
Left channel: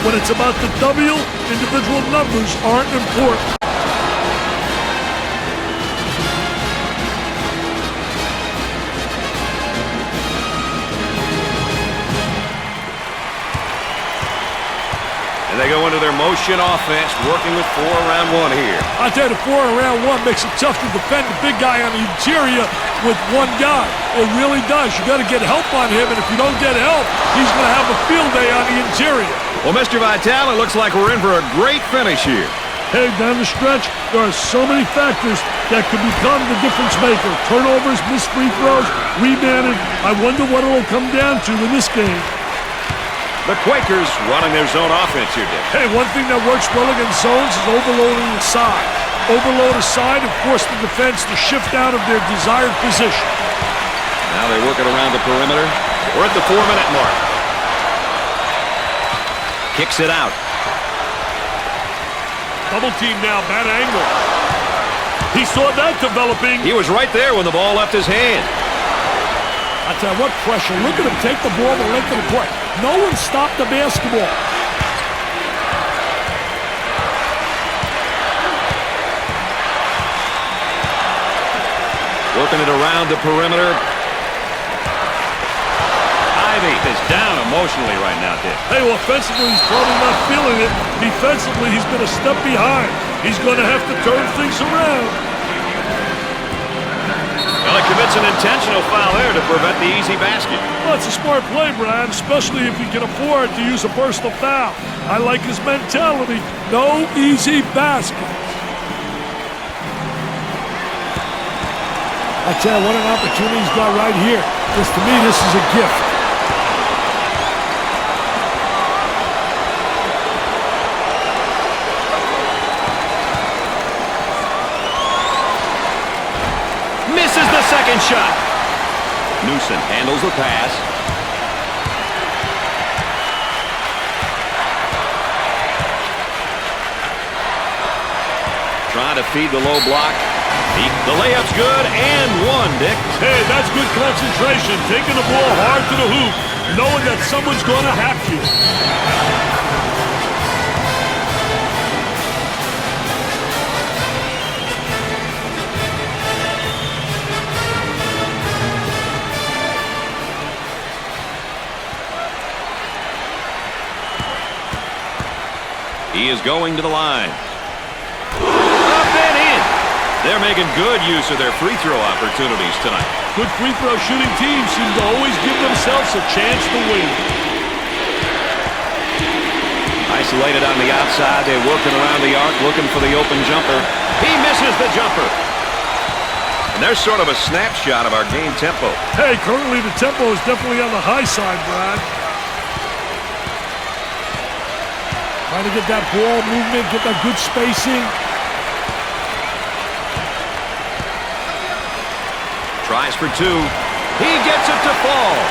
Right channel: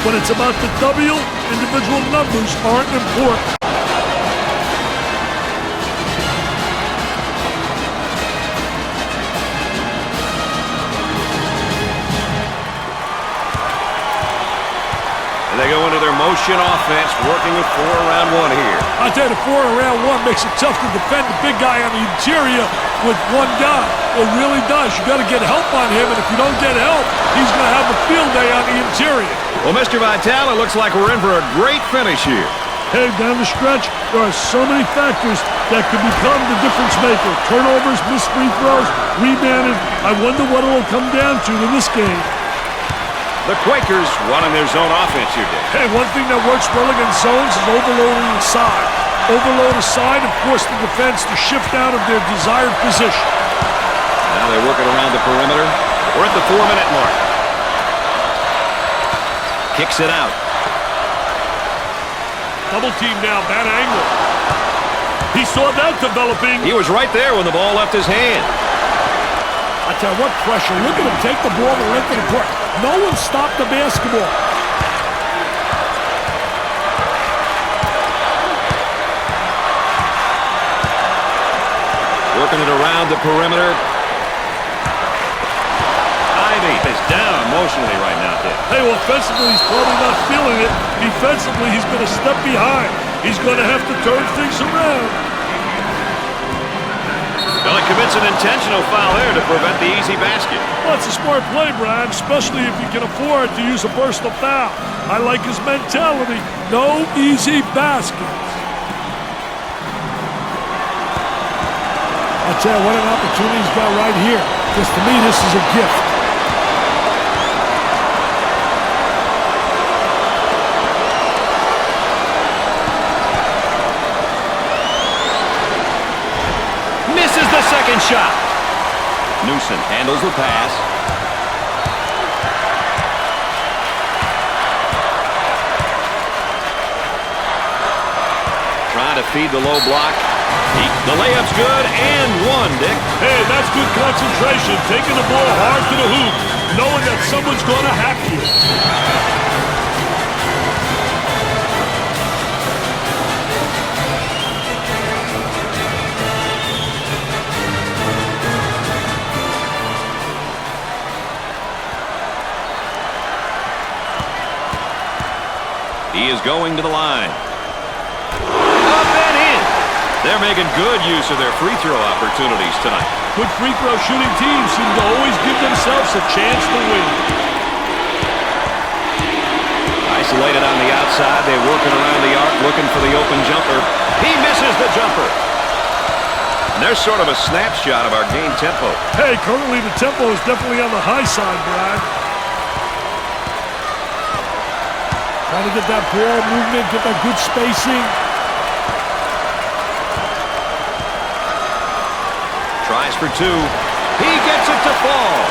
When it's about the W, individual numbers aren't important. And they go into their motion offense, working with 4 around 1 here. I tell you, the 4 around 1 makes it tough to defend the big guy on the interior with one guy. It really does. You got to get help on him, and if you don't get help, he's going to have a field day on the interior. Well, Mr. Vitale, it looks like we're in for a great finish here. Hey, down the stretch, there are so many factors that could become the difference maker. Turnovers, missed free throws, rebounded. I wonder what it'll come down to in this game. The Quakers running their zone offense here, Dick. Hey, one thing that works well against zones is overloading the side. Overload a side and force the defense to shift out of their desired position. Now they work it around the perimeter. We're at the 4-minute mark. Kicks it out. Double team now, bad angle. He saw that developing. He was right there when the ball left his hand. I tell you what, pressure. Look at him take the ball the length of the court. No one stopped the basketball. Working it around the perimeter. Ivy is down emotionally right now, Dick. Hey, offensively, he's probably not feeling it. Defensively, he's been a step behind. He's going to have to turn things around. Well, he commits an intentional foul there to prevent the easy basket. Well, it's a smart play, Brad, especially if he can afford to use a personal foul. I like his mentality. No easy baskets. I tell you what an opportunity he's got right here. Because to me, this is a gift. Misses the second shot. Newsom handles the pass. Trying to feed the low block. The layup's good and one, Dick. Hey, that's good concentration. Taking the ball hard to the hoop, knowing that someone's going to hack you. He is going to the line. Up and in. They're making good use of their free throw opportunities tonight. Good free throw shooting teams seem to always give themselves a chance to win. Isolated on the outside. They're working around the arc looking for the open jumper. He misses the jumper. And there's sort of a snapshot of our game tempo. Hey, currently the tempo is definitely on the high side, Brad. Trying to get that ball movement, get that good spacing. Tries for two. He gets it to fall.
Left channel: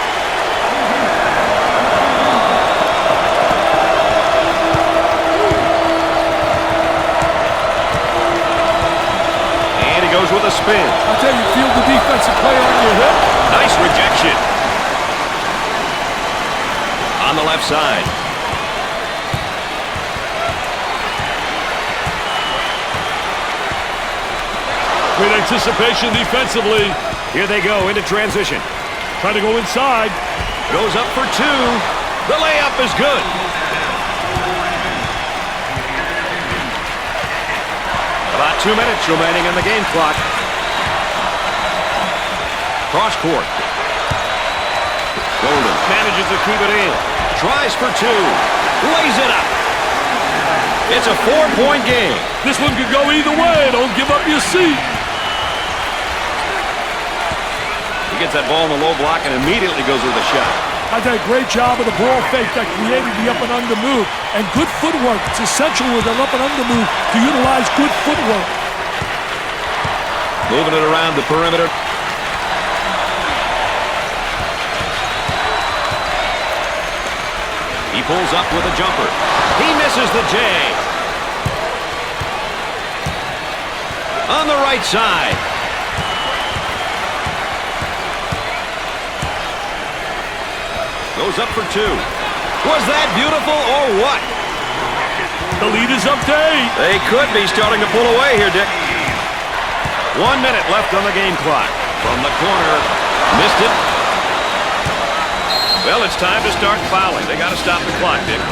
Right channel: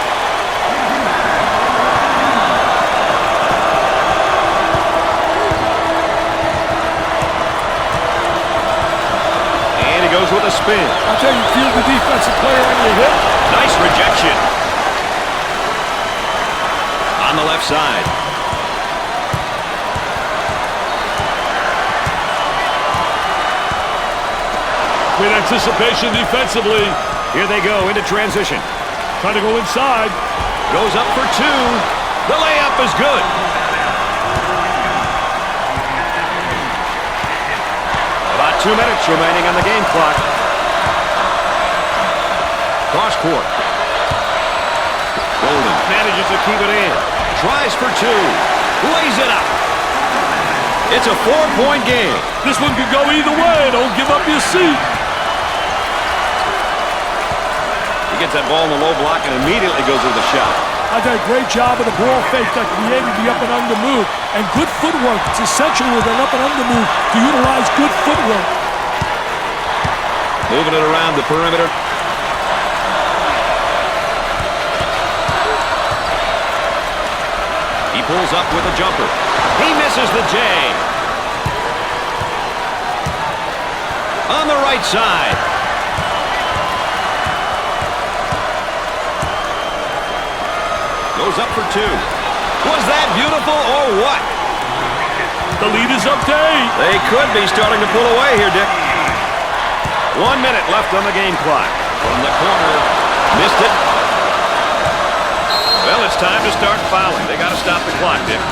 And he goes with a spin. I tell you, feel the defensive player on your hip. Nice rejection. On the left side. Great anticipation defensively. Here they go into transition. Trying to go inside. Goes up for two. The layup is good. About 2 minutes remaining on the game clock. Cross court. Golden manages to keep it in. Tries for two. Lays it up. It's a 4-point game. This one could go either way. Don't give up your seat. He gets that ball in the low block and immediately goes with a shot. I did a great job of the ball fake that created the up and under move. And good footwork. It's essential with an up and under move to utilize good footwork. Moving it around the perimeter. He pulls up with a jumper. He misses the J. On the right side. Goes up for two. Was that beautiful or what? The lead is up to 8. They could be starting to pull away here, Dick. 1 minute left on the game clock. From the corner. Missed it. Well, it's time to start fouling. They got to stop the clock, Dick.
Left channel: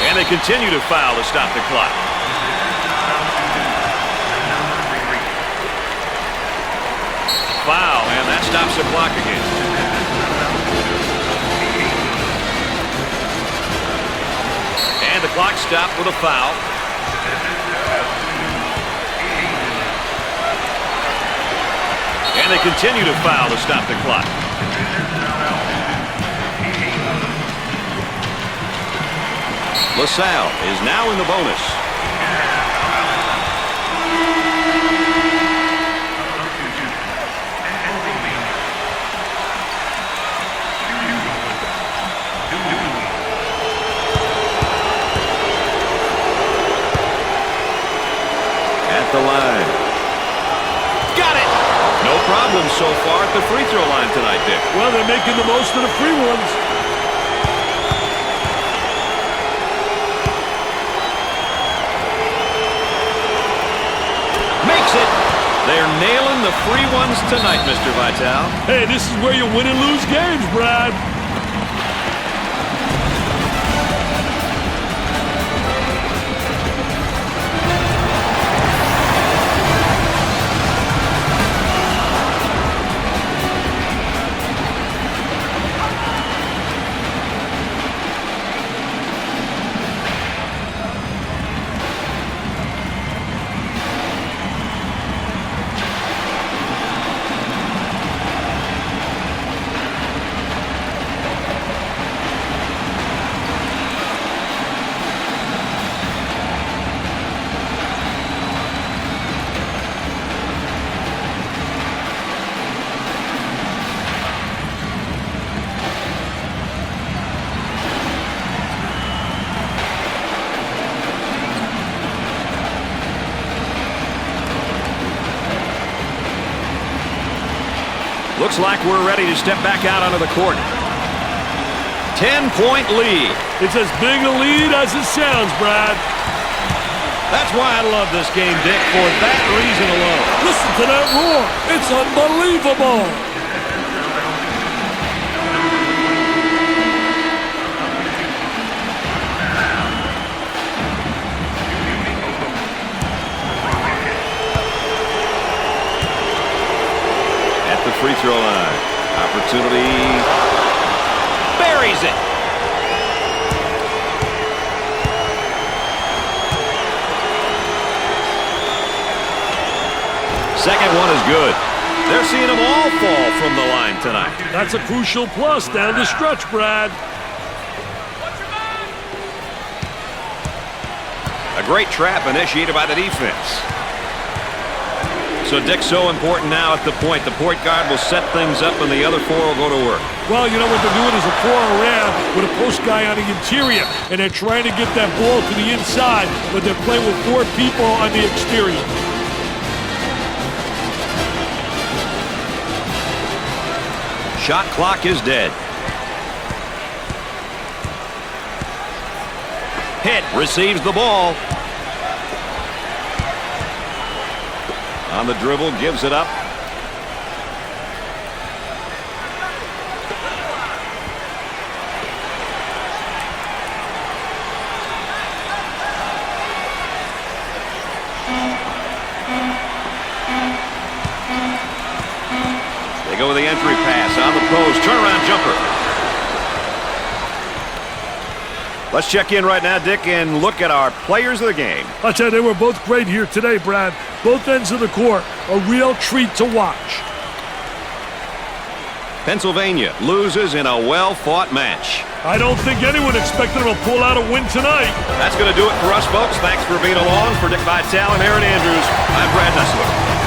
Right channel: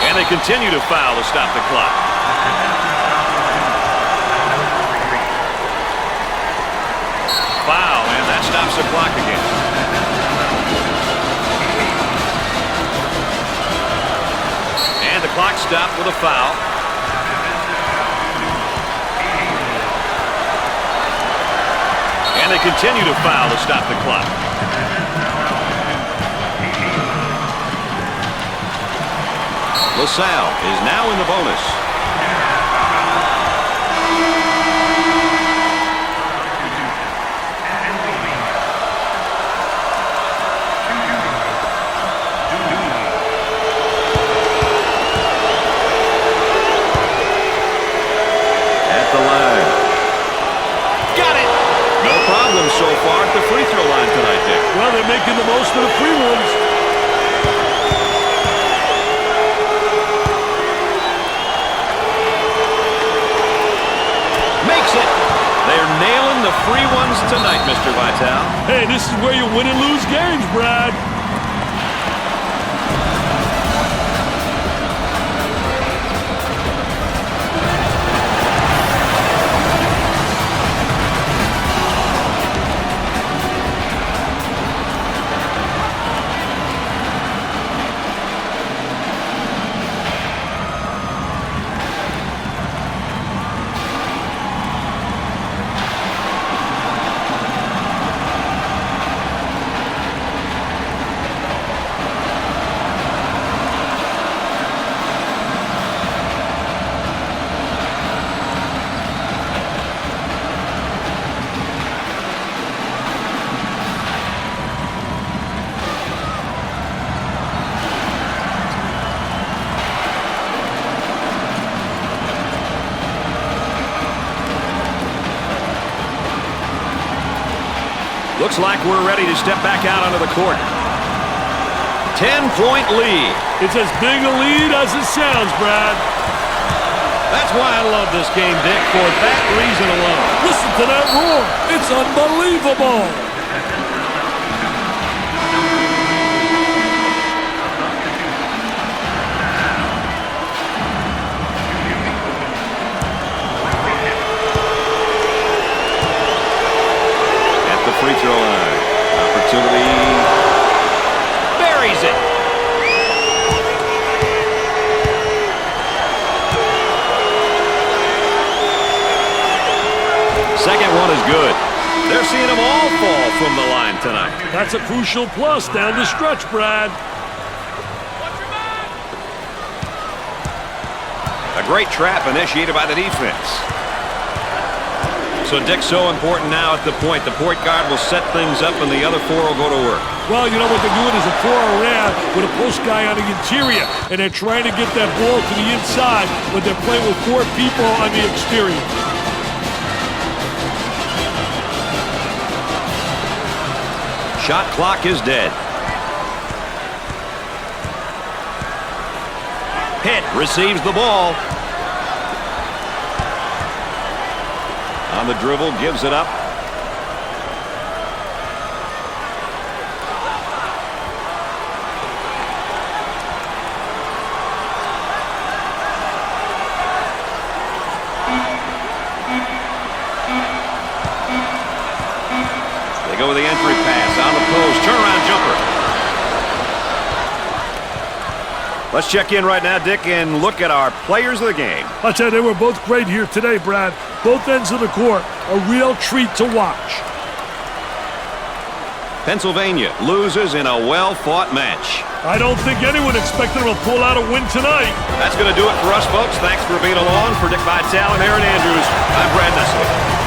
And they continue to foul to stop the clock. Foul, and that stops the clock again. And the clock stopped with a foul. And they continue to foul to stop the clock. LaSalle is now in the bonus. at the line. Got it! No problem so far at the free throw line tonight, Dick. Well, they're making the most of the free ones. Makes it. They're nailing the free ones tonight, Mr. Vitale. Hey, this is where you win and lose games, Brad. Looks like we're ready to step back out onto the court. 10-point lead. It's as big a lead as it sounds, Brad. That's why I love this game, Dick, for that reason alone. Listen to that roar. It's unbelievable. At the free throw line. Opportunity. Buries it. Second one is good. They're seeing them all fall from the line tonight. That's a crucial plus down the stretch, Brad. Watch your back. A great trap initiated by the defense. So, Dick, so important now at the point. The point guard will set things up and the other four will go to work. Well, you know what they're doing is a 4 around with a post guy on the interior, and they're trying to get that ball to the inside, but they're playing with 4 people on the exterior. Shot clock is dead. Hit receives the ball. On the dribble, gives it up. They go with the entry pass on the post. Turnaround jumper. Let's check in right now, Dick, and look at our players of the game. I'll tell you, they were both great here today, Brad. Both ends of the court, a real treat to watch. Pennsylvania loses in a well-fought match. I don't think anyone expected them to pull out a win tonight. That's going to do it for us, folks. Thanks for being along. For Dick Vitale and Aaron Andrews, I'm Brad Nessler.